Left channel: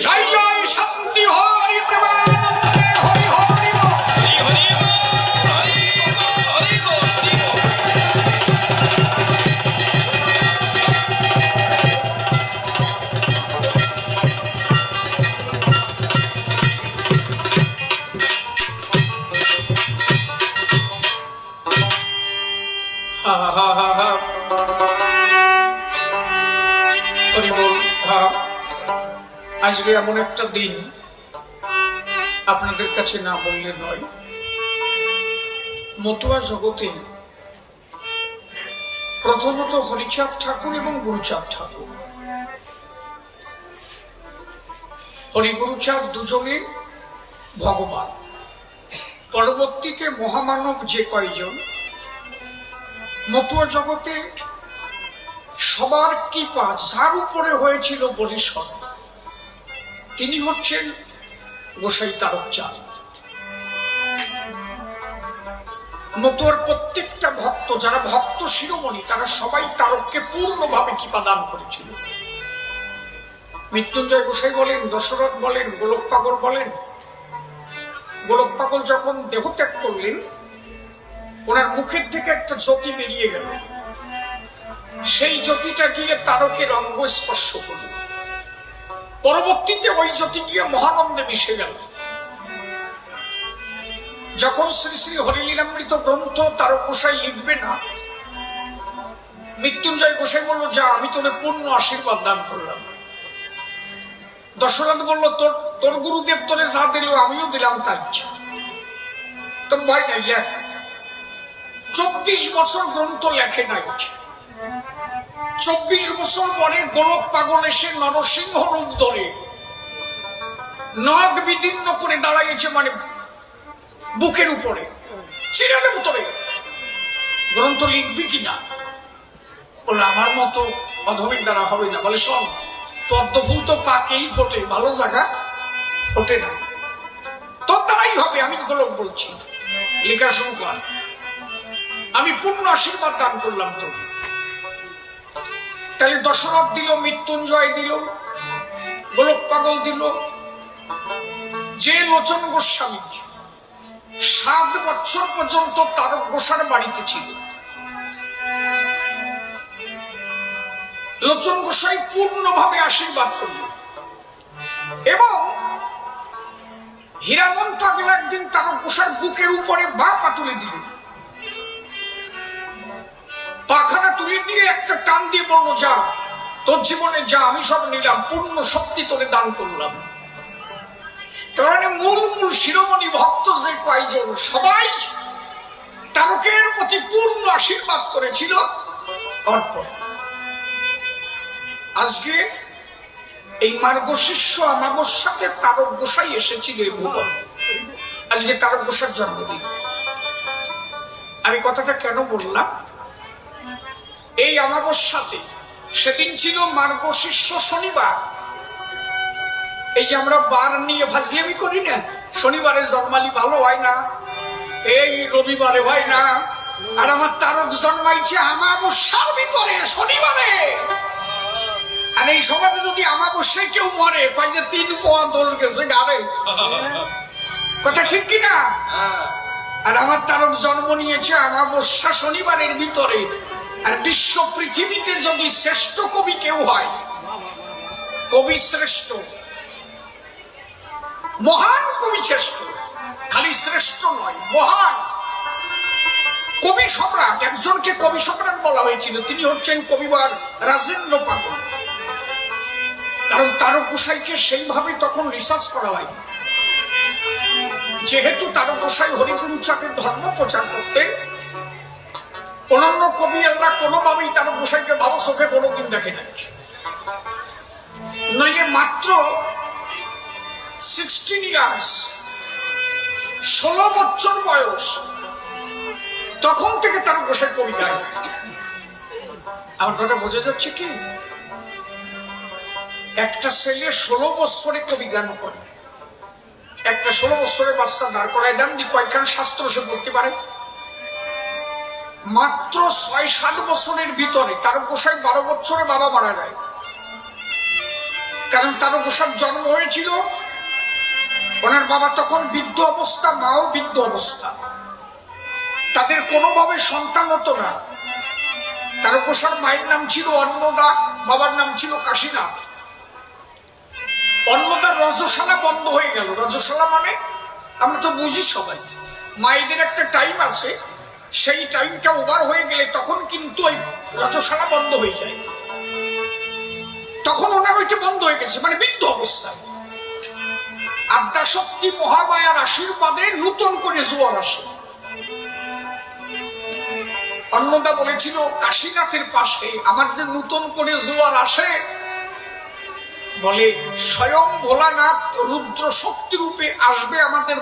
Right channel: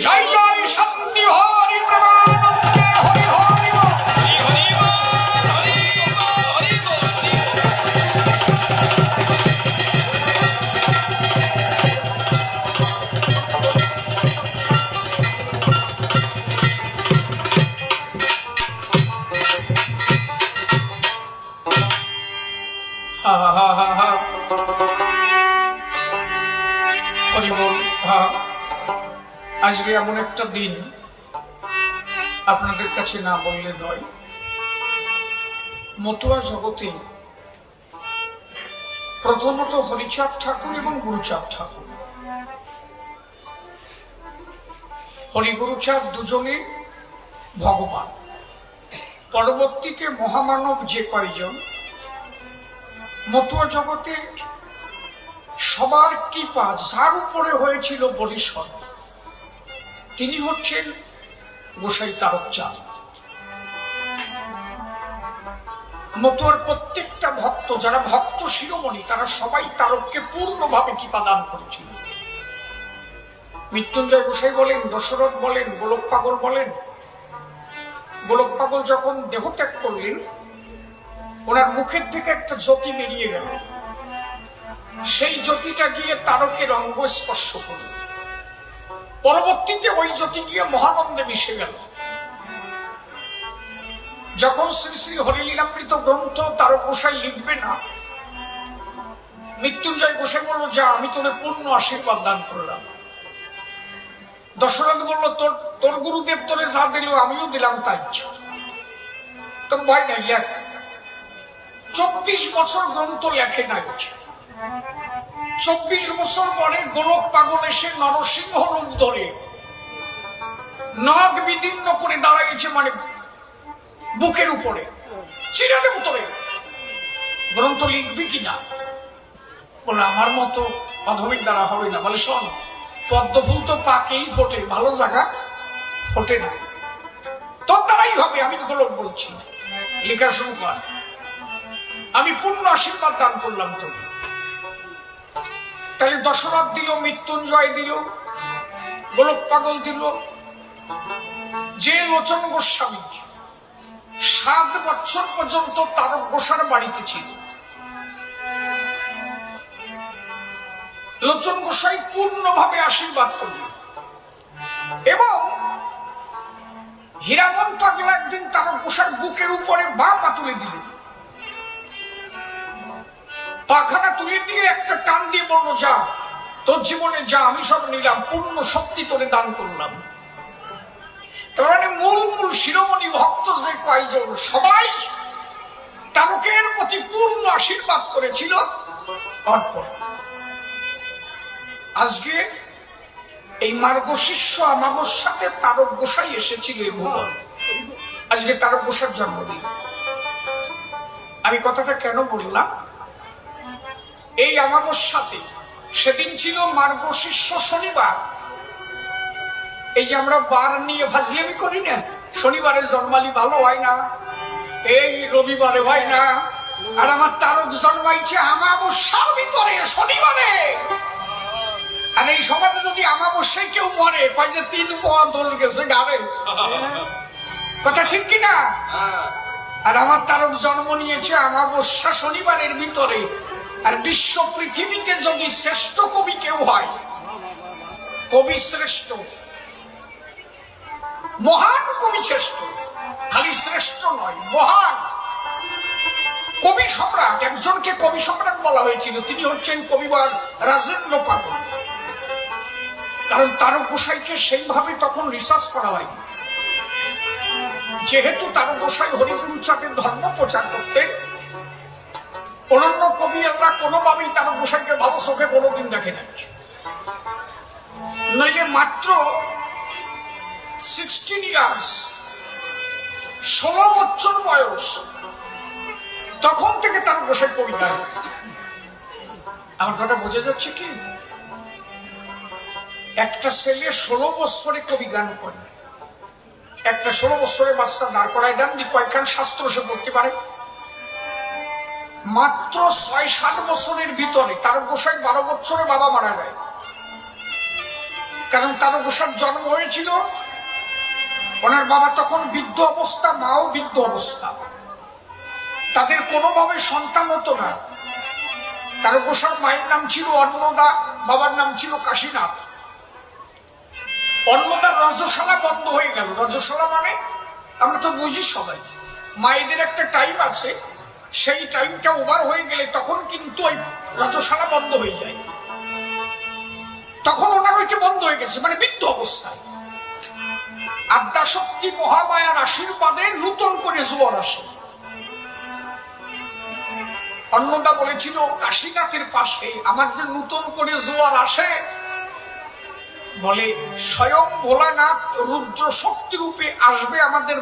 জয় জয় শান্তি হরি প্রেমানন্দে হরি হরি। হরি হরি হরি হরি হরি। হরি বল হা। আজকে এমন একটা দিন আপনাদের কাছে না বললে নয়। মতুয়া জগতে প্রথমত হরিচাঁদ ঠাকুর এবং গুরুচাঁদ ঠাকুর। হরিগুরুচাঁদ দুজনে ভগবান। পরবর্তীতে মহামানব যে কয়জন, মতুয়া জগতে সবার কৃপা যার উপরে হয়েছিল বরিশন তিনি হচ্ছেন গোসাই তারক চাঁদ। মতুয়ার প্রত্যেকটা ভক্ত, যারা ভক্ত শিরোমণি, তারা সবাই তারককে পূর্ণভাবে কৃপা দান করেছিল। মৃত্যুঞ্জয় গোসাই বলেন, দশরথ বলেন, গোলক পাগল বলেন। গোলক পাগল যখন দেহত্যাগ করলেন, ওনার মুখের থেকে একটা জ্যোতি বেরিয়ে গেল। সেই জ্যোতিটা গিয়ে তারকের অঙ্গ স্পর্শ করল। পরবর্তীতে ওই জ্যোতি গিয়ে মহানন্দে মিশে গেল। যখন শ্রী শ্রী হরিলীলামৃত গ্রন্থ তার গোসাই লিখবে না, মৃত্যুঞ্জয় গোসাই বলল, যা, আমি তোরে পূর্ণ আশীর্বাদ দান করলাম। দশরথ বলল, তোর তোর গুরুদেব তোরে যা দিল, আমিও দিলাম তার তোর ভয় নাই, লেখ। চব্বিশ বছর গ্রন্থ লেখে নাই। চব্বিশ বছর পরে গোলক পাগল এসে নরসিংহ রূপ ধরে। নাগ বিদীর্ণ করে দাঁড়াইছে মানে বুকের উপরে। চিরা দেব তোরে। গ্রন্থ লিখবি কিনা? বলে, আমার মতো অধমের দ্বারা হবে না। বলে, শোন পদ্ম ফুল তো পাকেই ফোটে। ভালো জায়গা ফোটে না। তোর দ্বারাই হবে, আমি গোলক বলছি। লেখা শুরু কর। আমি পূর্ণ আশীর্বাদ দান করলাম তোকে। তাই দশরথ দিল, মৃত্যুঞ্জয় দিল, গোলক পাগল দিল। যে লোচন গোস্বামী সাত বছর পর্যন্ত তারক গোসার বাড়িতে ছিল। লোচন গোসাই পূর্ণভাবে আশীর্বাদ করল। এবং হীরামন পাগলা একদিন তারক গোসার বুকের উপরে বা পা তুলে দিল পাখানা তুলে নিয়ে একটা টান দিয়ে বলল, যা, তোর জীবনে যা, আমি সব নিলাম, পূর্ণ শক্তি তোরে দান করলাম। তার মানে মূল মূল শিরোমণি ভক্ত যে কয়জন, সবাই তারকের প্রতি পূর্ণ আশীর্বাদ করেছিল অর্পণ। আজকে এই মার্গশিষ্য আমাবস্যাতে তারক গোসাই এসেছিল এই ভুবন। আজকে তারক গোসার জন্মদিন। আমি কথাটা কেন বললাম? এই আমাবস্যাতে সেদিন ছিল মার্গশিষ্য শনিবার। এই যে আমরা বার নিয়ে ফাজলিয়ামি করি না শনিবারে জন্মালি ভালো হয় না এই রবিবারে হয় না আর আমার তারক জন্মাইছে আমাবস্যার ভিতরে শনিবারে। আর এই সমাজে যদি আমাবস্যায় কেউ মরে কয় যে তিন পোয়া দোষ গেছে গাড়ে কথা ঠিক কিনা? হ্যাঁ। আর আমার তারক জন্ম নিয়েছে আমাবস্যা শনিবারের ভিতরে আর বিশ্ব পৃথিবীতে যদি শ্রেষ্ঠ কবি কেউ হয়, কবি শ্রেষ্ঠ, মহান কবি শ্রেষ্ঠ, খালি শ্রেষ্ঠ নয়, মহান কবি সম্রাট, একজনকে কবি সম্রাট বলা হয়েছিল, তিনি হচ্ছেন কবিবার রাজেন্দ্র পাগল। কারণ তারক গোসাইকে সেইভাবে তখন রিসার্চ করা হয়নি। যেহেতু তার গোসাই হরিগুরু চাঁদের ধর্ম প্রচার করতেন অন্যান্য কবি আল্লাহ কোনোভাবেই তার গোসাইকে ভালো চোখে কোনোদিন দেখে নাই। নইলে মাত্র সিক্সটিন ইয়ার্স ষোলো বছর বয়স, তখন থেকে তার গোসাই কবি গায় আমার কথা বোঝা যাচ্ছে কি? একটা ছেলে ষোলো বছরে কবি গান করে। একটা ষোলো বছরের বাচ্চা দাঁড় করায় দেন কয়েকখান শাস্ত্র সে পড়তে পারে। মাত্র ছয় সাত বছরের ভিতরে তার গোসাই বারো বছরে বাবা মারা যায়। কারণ তারকেশ্বর জন্ম হয়েছিল, ওনার বাবা তখন বৃদ্ধ অবস্থা, মাও বৃদ্ধ অবস্থা। তাদের কোনোভাবে সন্তান হতো না। তার তারকেশ্বর মায়ের নাম ছিল অন্নদা, বাবার নাম ছিল কাশীনাথ। অন্নদার রজশালা বন্ধ হয়ে গেল। রজশালা মানে আমরা তো বুঝি সবাই। মায়েদের একটা টাইম আছে। সেই টাইমটা ওভার হয়ে গেলে তখন কিন্তু ওই রজশালা বন্ধ হয়ে যায়। তখন ওনার ওইটা বন্ধ হয়ে গেছে মানে বৃদ্ধ অবস্থায়। আদ্যাশক্তি মহামায়ার আশীর্বাদে নূতন করে জোয়ার আসে। অন্নদা বলেছিল, কাশীনাথের পাশে আমার যে নূতন করে জোয়ার আসে, বলে, স্বয়ং ভোলানাথ রুদ্র শক্তি রূপে আসবে আমাদের